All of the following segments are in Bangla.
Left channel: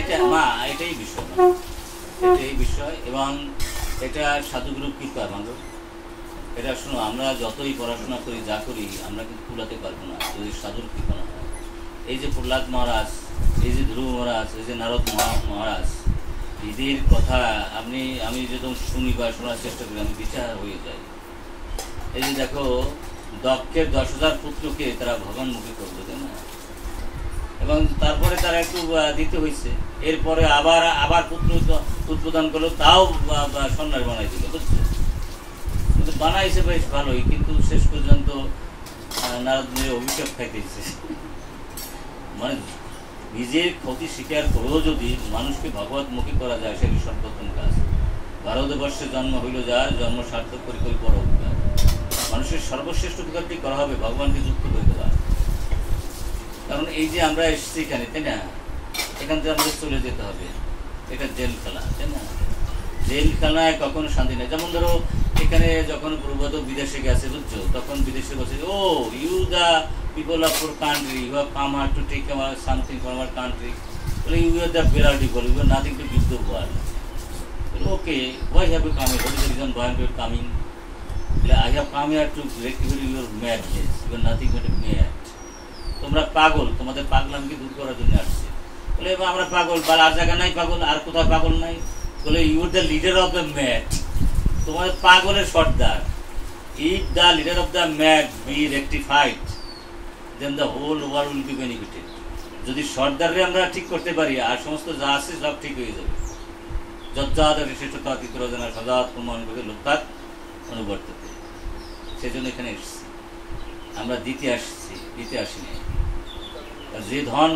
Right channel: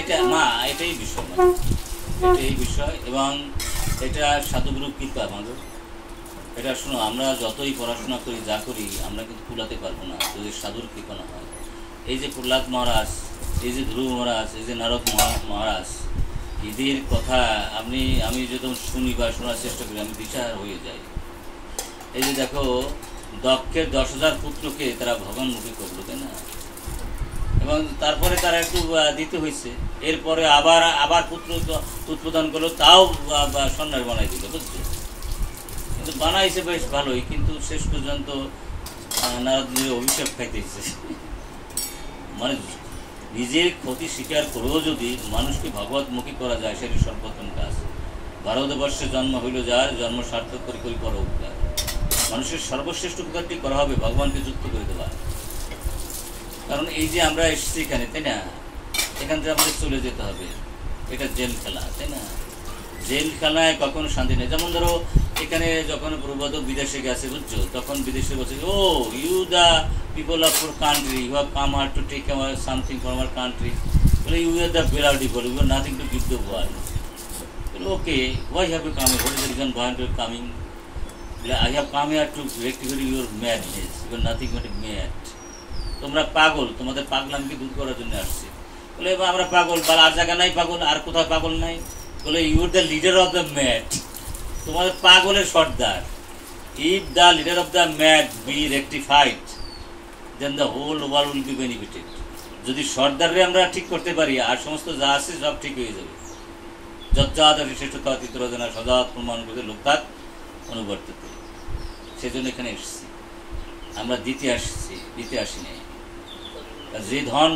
এটা মা এটাই বিষয়, এটাই বিষয়। এবং এটা সাধুগুরু কৃপা মাগো। এটা শোনো, আমরা যতই পড়াশোনা করি যা করি আমরা কিন্তু কুলাতে পারবো না যদি সাধুর কৃপা না হয়। এই যে প্রহ্লাদ মহারাজ, এই যে ধ্রুব মহারাজ, এই যে নারদ মহারাজ, এদের কথা আমি যখন শুনি বা শোনার চেষ্টা করি আমি দিশাহারা হয়ে যাই। এই যে দেখো, দক্ষের 10,000 পুত্রকে তারা ভগবানমুখী করলো, তাই না? এবং তারপরে তারা একটু দিতে হয়েছে, এরপরে আবার পুত্র উৎপাদন করলো, তাও সন্ন্যাস বানাই দিল, বুঝছো? কিন্তু বানাইছে বেশ ভালোই, কিন্তু শেষ পর্যন্ত নারদ মুনির অভিশাপ খাইতেছে। মানে নিজের ক্ষতি স্বীকার করেও যদি মানুষকে ভগবতমুখী করা যায়, সেটি সর্বপ্রথম কাজ। ভারতবর্ষে জন্ম হইল যার, জন্ম সার্থক করে করি পর উপকার। মানুষের সর্বশ্রেষ্ঠ উপকারটি করা হবে ভগবানকে যুক্ত করে দেওয়া। কারণ এই যে আমরা এসেছি এখানে, তাই না, এখান থেকে আমাদের চলে যেতে হবে। এটা জেল খেলা, তাই না? জেলখানায় কখনো শান্তি নেই। যেমন ধরো, এখানে যখন প্রভুপাদ বিদেশে গেছে, বুঝছো, তখন বিদেশে বলছে, oh you the people of your country, you have come here to take something from our country. Well, you are the better people, you have nothing to give the world. Well, okay, why have you come here? What is the reason why you are coming? Well, I have come here to rectify your madness. You are nothing but a mad. তোমরা পাগল, তোমাদের পাগলামকে দূর করার জন্য আসছে। বলে আমরা পাগল, আর জায়গা নাই পাগল, আর কোথাও পাগল নাই। বলে you are the leader of the mad, তোমাদের পাগলের সর্দার। If the leader of the mad be rectified, then the whole world will be benefited. যদি সর্দারে আমরা ঠিক করতে পারি, আর সমস্ত যা আছে সব ঠিক হয়ে যাবে। যজ্জাতি শ্রেষ্ঠতা তিত্রজনা সদাত প্রমাণ করে লোকাত অনুবর্ততে। সেজন্য এখানে এসেছি আমরা, দিতে আসিনি। যে ধন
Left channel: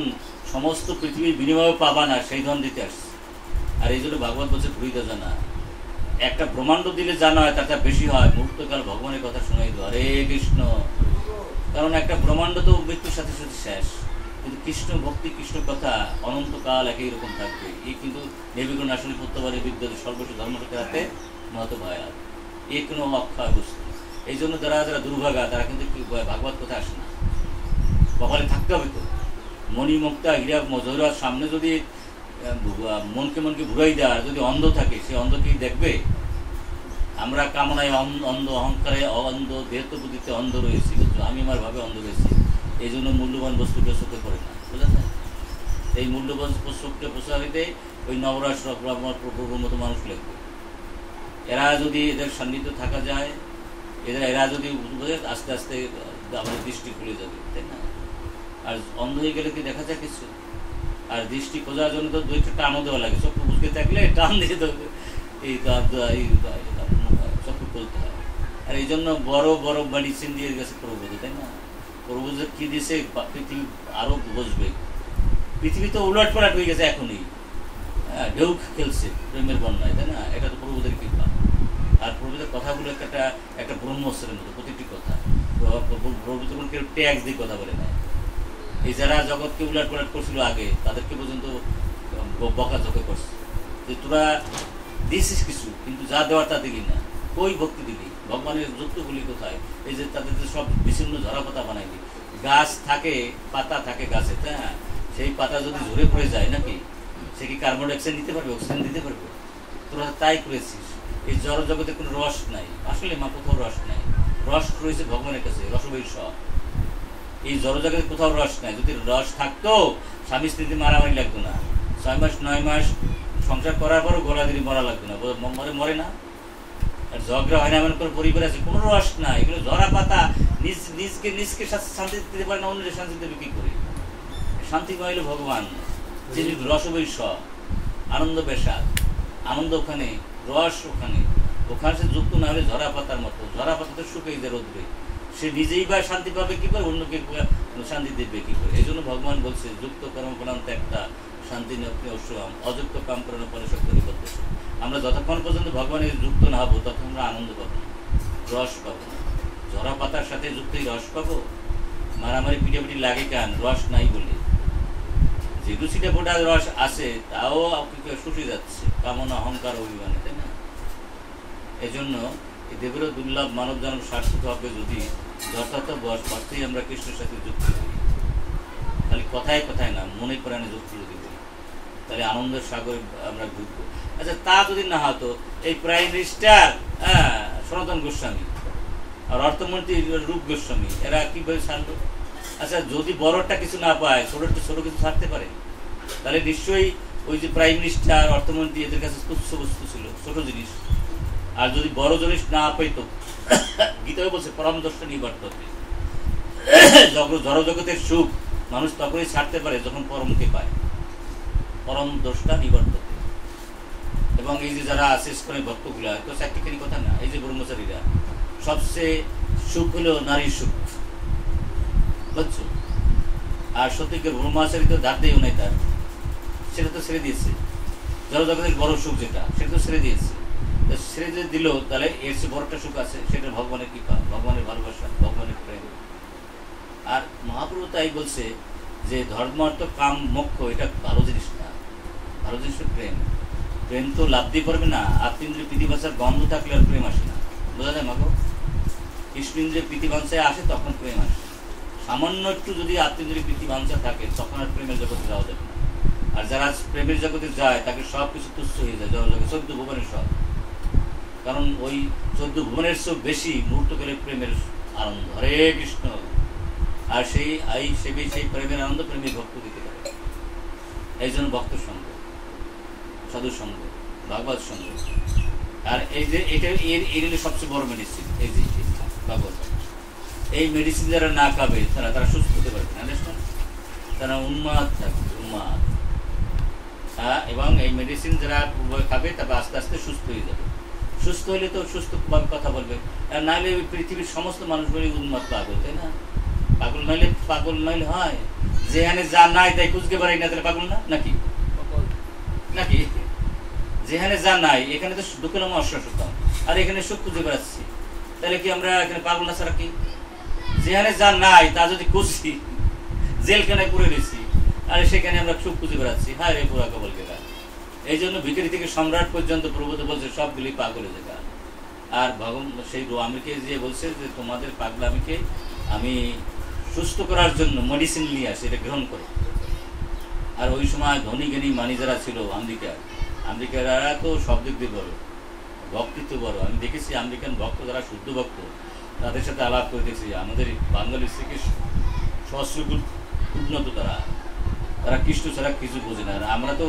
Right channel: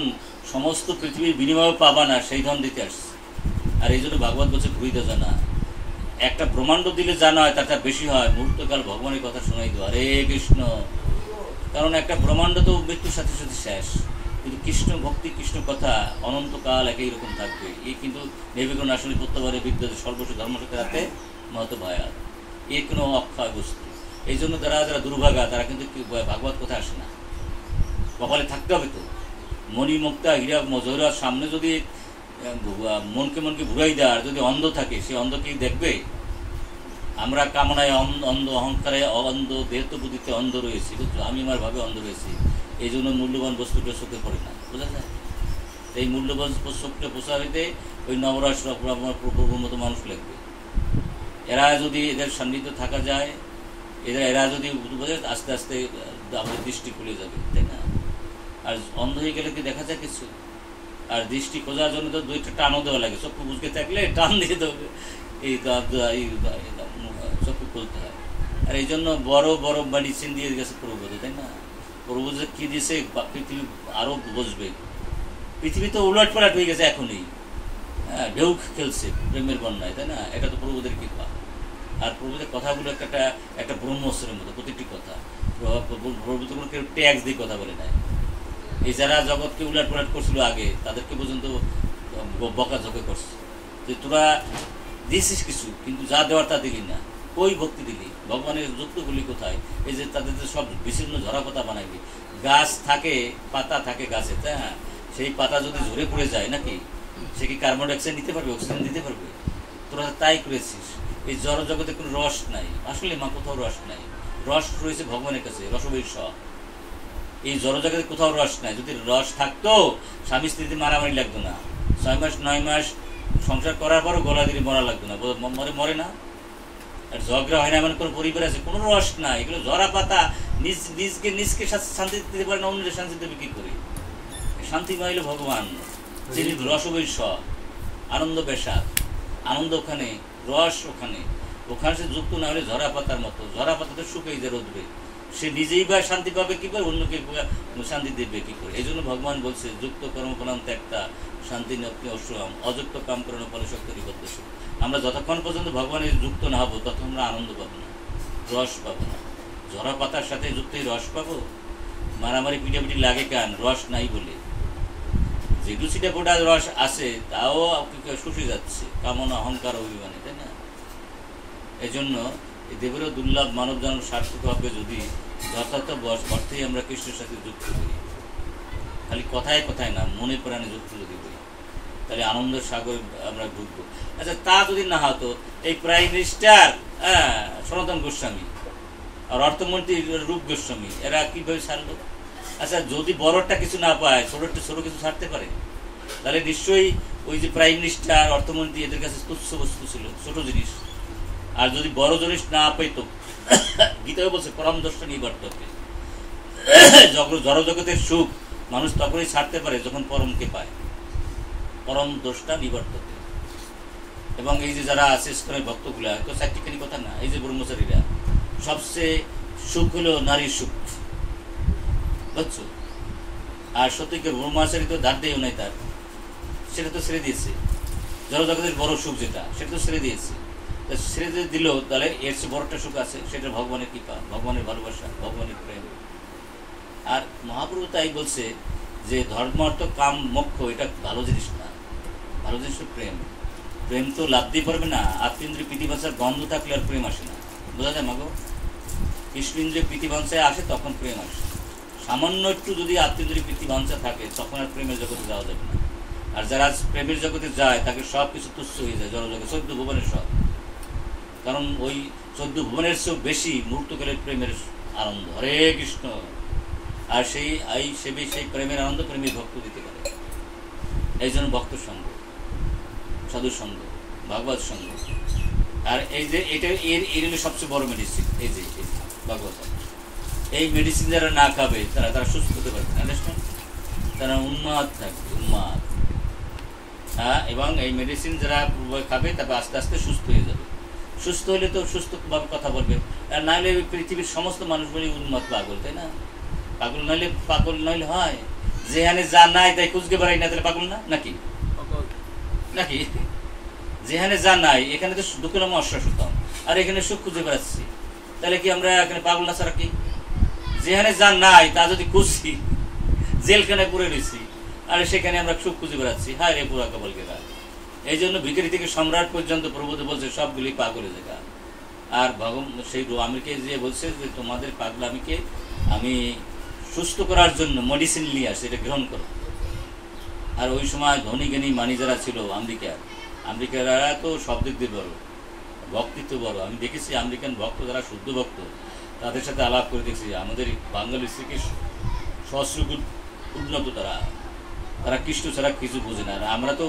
সমস্ত পৃথিবীর বিনিময়ে পাবা না, সেই ধন দিতে আসছে। আর এই জন্য ভাগবত বলছে ঘুরিতে জানা, একটা ব্রহ্মাণ্ড দিলে জানা হয় তার বেশি হয় মুহূর্তকাল ভগবানের কথা শোনাই দেওয়া। হরে কৃষ্ণ। কারণ একটা ব্রহ্মাণ্ড তো মৃত্যুর সাথে সাথে শেষ, কিন্তু কৃষ্ণ ভক্তি, কৃষ্ণ কথা অনন্তকাল একই রকম থাকবে। এই কিন্তু নির্বিঘ্ন আসলে প্রত্যবারে বিদ্যুৎ সর্বস্ব ধর্মসাথে হাতে মহত ভয়াত, এ কোনো অক্ষয় বস্তু। এই জন্য যারা দুর্ভাগা, তারা কিন্তু ভাগবত কথা আসে না। কপালে থাকতে হবে তো। মণিমুক্তা হীরা মজুরার সামনে যদি মনকে ঘুরাই দেয়, আর যদি অন্ধ থাকে, সে অন্ধ কি দেখবে? আমরা কামনায় অন্ধ, অহংকারে অন্ধ, দেহত্ব বুদ্ধিতে অন্ধ রয়েছি, বুঝছো? আমি আমার ভাবে অন্ধ রয়েছি। এই জন্য মূল্যবান বস্তুটা চোখে পড়ে না, বোঝা যায়? এই মূল্যবান চোখটা পোষা হইতে ওই নবরাশ প্রভুর মতো মানুষ লাগবে। এরা যদি এদের সান্নিধ্য থাকা যায়, এরা যদি আস্তে আস্তে আমাদের দৃষ্টি খুলে যাবে, তাই না? আর অন্ধ হয়ে গেলে কি দেখা যায় কিছু? আর দৃষ্টি খোঁজার জন্য তো দুইটা টানও দেওয়া লাগে। চক্ষু বুঝতে থাকলে টান দিয়ে দেবে, এই চক্ষু খুলতে হয়। আর এই জন্য বড় বড় মেডিসিন দিয়ে গেছে প্রভুপাদ, তাই না? প্রভু যে কি দিয়েছে, পৃথিবী আরো বুঝবে। পৃথিবী তো উলট পালট হয়ে গেছে এখনই, ঢেউ খেলছে প্রেমের বন্যায়, তাই না? এটা তো প্রভুদের কৃপা। আর প্রভুদের কথাগুলো একটা ব্রহ্মস্ত্রের মতো, প্রতিটি কথা। প্রভু তো কেউ ট্যাক্স দিয়ে কথা বলে নেয়। এই যারা জগৎকে উলট পালট করছিল আগে, তাদেরকে পর্যন্ত বকাঝকা করছে যে তোরা দিয়েছিস কিছু, কিন্তু যা দেওয়ার তা দিলি না। কই ভক্তি দিলি? ভগবানের যুক্তগুলি কোথায়? এই যে তাদের সব বিচ্ছিন্ন ঝরা পাতা বানাইলি। গাছ থাকে, পাতা থাকে গাছে, তাই না? সেই পাতা যদি ঝরে পড়ে যায় নাকি, সে কি কার্বন ডাইঅক্সাইড নিতে পারবে? অক্সিজেন দিতে পারবে? তোরা তাই করেছিস। এই জড় জগতে কোনো রস নাই। আসলে মা, কোথাও রস নাই। রস রয়েছে ভগবানের কাছে, রসবৈষ। এই জড়জগতে কোথাও রস নাই। যদি রস থাকতো, স্বামী স্ত্রীতে মারামারি লাগতো না। 6 মাস 9 মাস সংসার করার পরও গলা দিয়ে মরা লাগতো না, মরে না। আর ঝগড়া হয় না এমন কোনো পরিবার আছে? কোনো রস নাই। এগুলো ঝরা পাতা। নিজকে শান্তি দিতে পারে না, অন্যদের শান্তি দেবে কি করে? শান্তি পাইলে ভগবান, যিনি রসবৈষ, আনন্দ বেশা। আনন্দ ওখানে, রস ওখানে সে যুক্ত না হলে ঝরা পাতার মতো। ঝরা পাতাতে শুকিয়ে যায় রোদবে, সে নিজেই বা শান্তি পাবে কি করে, অন্যকে শান্তি দেবে কি করে? এই জন্য ভগবান বলছে, যুক্ত কর্মপ্রাণ ত্যাগটা শান্তি নপ্তি অশ্রম, অযুক্ত কাম করানো ফলে শক্তি নিবদ্ধ। আমরা যতক্ষণ পর্যন্ত ভগবানের যুক্ত না হবো, ততক্ষণ আমরা আনন্দ পাবো না, রস পাবো না। ঝরা পাতার সাথে যুক্তই রস পাবো। মারামারি পিটাপিটি লাগে কেন? রস নাই বলে। যেটু সিটা ফোটা রস আছে, তাও শুষে যাচ্ছে কামনা, অহংকার, অভিমানে, তাই না? এই জন্য দেবেরও দুর্লভ মানব জন্ম সার্থক হবে যদি যথার্থ অর্থেই আমরা কৃষ্ণের সাথে যুক্ত হই। খালি কথায় কথায় না, মনে প্রাণে যুক্ত যদি হই। তাহলে আনন্দের সাগরে আমরা ঘুরবো। আচ্ছা, তা যদি না হতো, এই প্রাইম মিনিস্টার সনাতন গোস্বামী আর অর্থমন্ত্রী রূপ গোস্বামী এরা কিভাবে ছাড়লো? আচ্ছা, যদি বড়টা কিছু না পায়, ছোটটা ছোট কিছু ছাড়তে পারে? তাহলে নিশ্চয়ই ওই যে প্রাইম মিনিস্টার অর্থমন্ত্রী এদের কাছে তুচ্ছ বস্তু ছিল, ছোট জিনিস। আর যদি বড় জিনিস না পেত, গীতায় বলছে পরম দর্শন নিয়ে কর্তব্যে, জড়জগতের সুখ মানুষ তখনই ছাড়তে পারে যখন পরমকে পায়, পরম দোষটা নিবর্ততে। এবং এই যে যারা আছে ইসকনের ভক্তগুলা, কেউ চারটিখানি কথা না, এই যে ব্রহ্মচারীরা, সবচেয়ে সুখ হলো নারীর সুখ, বুঝছো? আর সত্যিকার ব্রহ্মচারী তো ধার দিয়েও নাই তার, সেটা তো ছেড়ে দিয়েছে। জড়জগতের বড় সুখ যেটা, সেটা তো ছেড়ে দিয়েছে। ছেড়ে দিয়ে দিল, তাহলে এর চেয়ে বড়টা সুখ আছে, সেটা ভগবানের কৃপা, ভগবানের ভালোবাসা, ভগবানের প্রেম। আর মহাপ্রভু তাই বলছে যে ধর্ম অর্থ কাম মোক্ষ এটা ভালো জিনিস না, ভালো জিনিস প্রেম। প্রেম তো লাভ দিয়ে পারবে না। আত্মীন্দ্রিয় প্রীতিবাঞ্ছার গন্ধ থাকলে আর প্রেম আসে না, বোঝা যায় মাগো? কৃষ্ণেন্দ্রিয় প্রীতিবাঞ্ছায় আসে তখন প্রেম আসে। সামান্য একটু যদি আত্মীন্দ্রিয় প্রীতিবাঞ্ছা থাকে তখন আর প্রেমের জগতে যাওয়া যাবে না। আর যারা প্রেমের জগতে যায় তাকে সব কিছু তুচ্ছ হয়ে যায়, জড়জগতে 14 ভুবনের সব। কারণ ওই 14 ভুবনের চেয়েও বেশি মুহূর্তকালের প্রেমের আনন্দ। হরে কৃষ্ণ। আর সেই প্রেমের আনন্দ প্রেমী ভক্ত দিতে পারে। এই জন্য ভক্ত সঙ্গ, সাধু সঙ্গ, ভাগবত সঙ্গ। আর এই যে এটা এর সবচেয়ে বড় মেডিসিন, এই যে ভাগবত। এই মেডিসিন যারা না খাবে তারা সুস্থ হতে পারবে না, আন্ডারস্ট্যান্ড? তারা উন্মাদ থাকবে, উন্মাদ। হ্যাঁ, এবং এই মেডিসিন যারা খাবে তারপর আস্তে আস্তে সুস্থ হয়ে যাবে। সুস্থ হলে তো সুস্থভাবে কথা বলবে। আর নাহলে পৃথিবীর সমস্ত মানুষ বলে উন্মাদ, পাগল, তাই না? পাগল নইলে হয়? যেখানে যা নাই তাই খুঁজতে পারাই না, তাহলে পাগল না নাকি? নাকি যেখানে যা নাই, এখানে তো দুঃখের নাম অশ্বাসতাম, আর এখানে সুখ খুঁজে বেড়াচ্ছি, তাহলে কি আমরা এখানে পাগল না ছাড়া কি? যেখানে যা নাই তা যদি খুঁজছি, জেলখানায় পড়ে রয়েছি, আর সেখানে আমরা সুখ খুঁজে বেড়াচ্ছি, হায় রে পুরা কবল গেলা। এই জন্য ভিখারি থেকে সম্রাট পর্যন্ত প্রভুতে বলছে সবগুলি পাগলের জায়গা। আর সেই আমিকে যে বলছে যে তোমাদের পাগলামিকে আমি সুস্থ করার জন্য মেডিসিন নিয়ে আসে, এটা গ্রহণ করো। আর ওই সময় ধনী জ্ঞানী মানি যারা ছিল আমেরিকারা তো সব দিক দিয়ে বড়, ভক্তিত্ব বড়। আমি দেখেছি আমেরিকান ভক্ত যারা শুদ্ধ ভক্ত, তাদের সাথে আলাপ করে দেখছি আমাদের বাঙালি স্ত্রীকে সহস্রগুণ উন্নত। তারা কৃষ্ণ ছাড়া কিছু বোঝে না। আমরা তো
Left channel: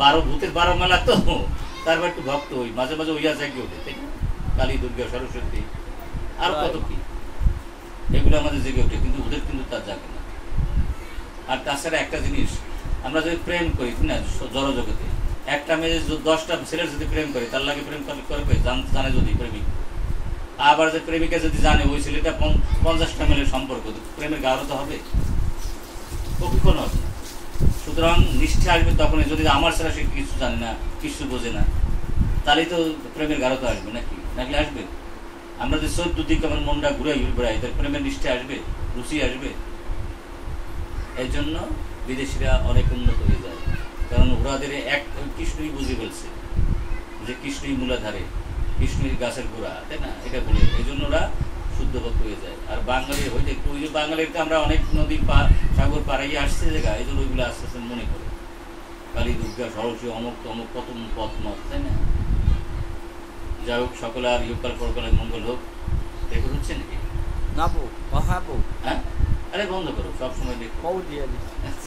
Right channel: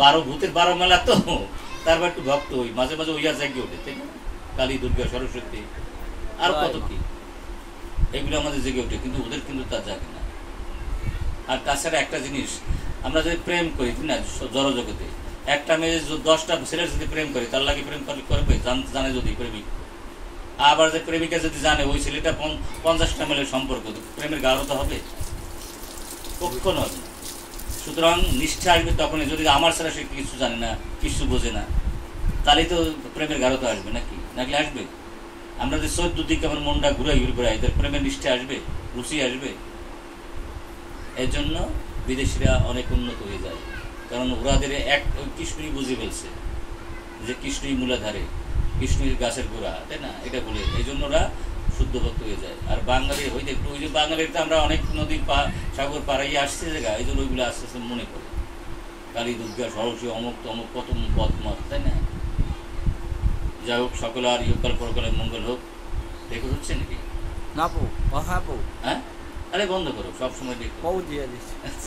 12 ভূতের 12 মেলা, তো তারপর একটু ভক্ত হই, মাঝে মাঝে ওইয়া জাগিয়ে ওঠে, তাই না? কালী, দুর্গা, সরস্বতী আর কত কি, এগুলো আমাদের জেগে ওঠে, কিন্তু ওদের কিন্তু তা জাগে না। আর তাছাড়া একটা জিনিস, আমরা যদি প্রেম করি না জড়জগতে, একটা মেয়ে 10টা ছেলের যদি প্রেম করে, তার লাগে প্রেম করবে জানে যদি প্রেমিক। আবার যে প্রেমিকা যদি জানে ওই ছেলেটা 50টা মেয়ের সম্পর্ক, প্রেমের গাঢ়তা হবে? কখনো হবে না। সুতরাং নিষ্ঠা আসবে তখনই যদি আমার ছাড়া সে কিছু জানে না, কিছু বোঝে না, তাহলেই তো প্রেমের গাঢ়তা আসবে, নাকি আসবে? আমরা যে 14 দিকে আমার মনটা ঘুরে বেড়াই, তার প্রেমের নিষ্ঠা আসবে, রুচি আসবে? এর জন্য বিদেশিরা অনেক উন্নত হয়ে যায়, কারণ ওরাদের এক কৃষ্ণই বুঝে ফেলছে যে কৃষ্ণই মূলাধারে, কৃষ্ণের গাছের গোড়া, তাই না? এটা বলে এই জন্য ওরা শুদ্ধ ভক্ত হয়ে যায়। আর বাঙালি হইতে একটু, ওই যে বাঙালিতে আমরা অনেক নদী সাগর পাড়াইয়ে আসছে জায়গা, এই জন্য ওইগুলো আস্তে আস্তে মনে করে কালী, দুর্গা, সরস্বতী, অমুক তমুক কত পথমত, তাই না? যাই হোক, সকলে আর ইহকাল পরকালের মঙ্গল হোক। দেখো হচ্ছে নাকি? না বউ, হ্যাঁ বউ। হ্যাঁ, আরে বন্ধ করো, সবসময় দেখো।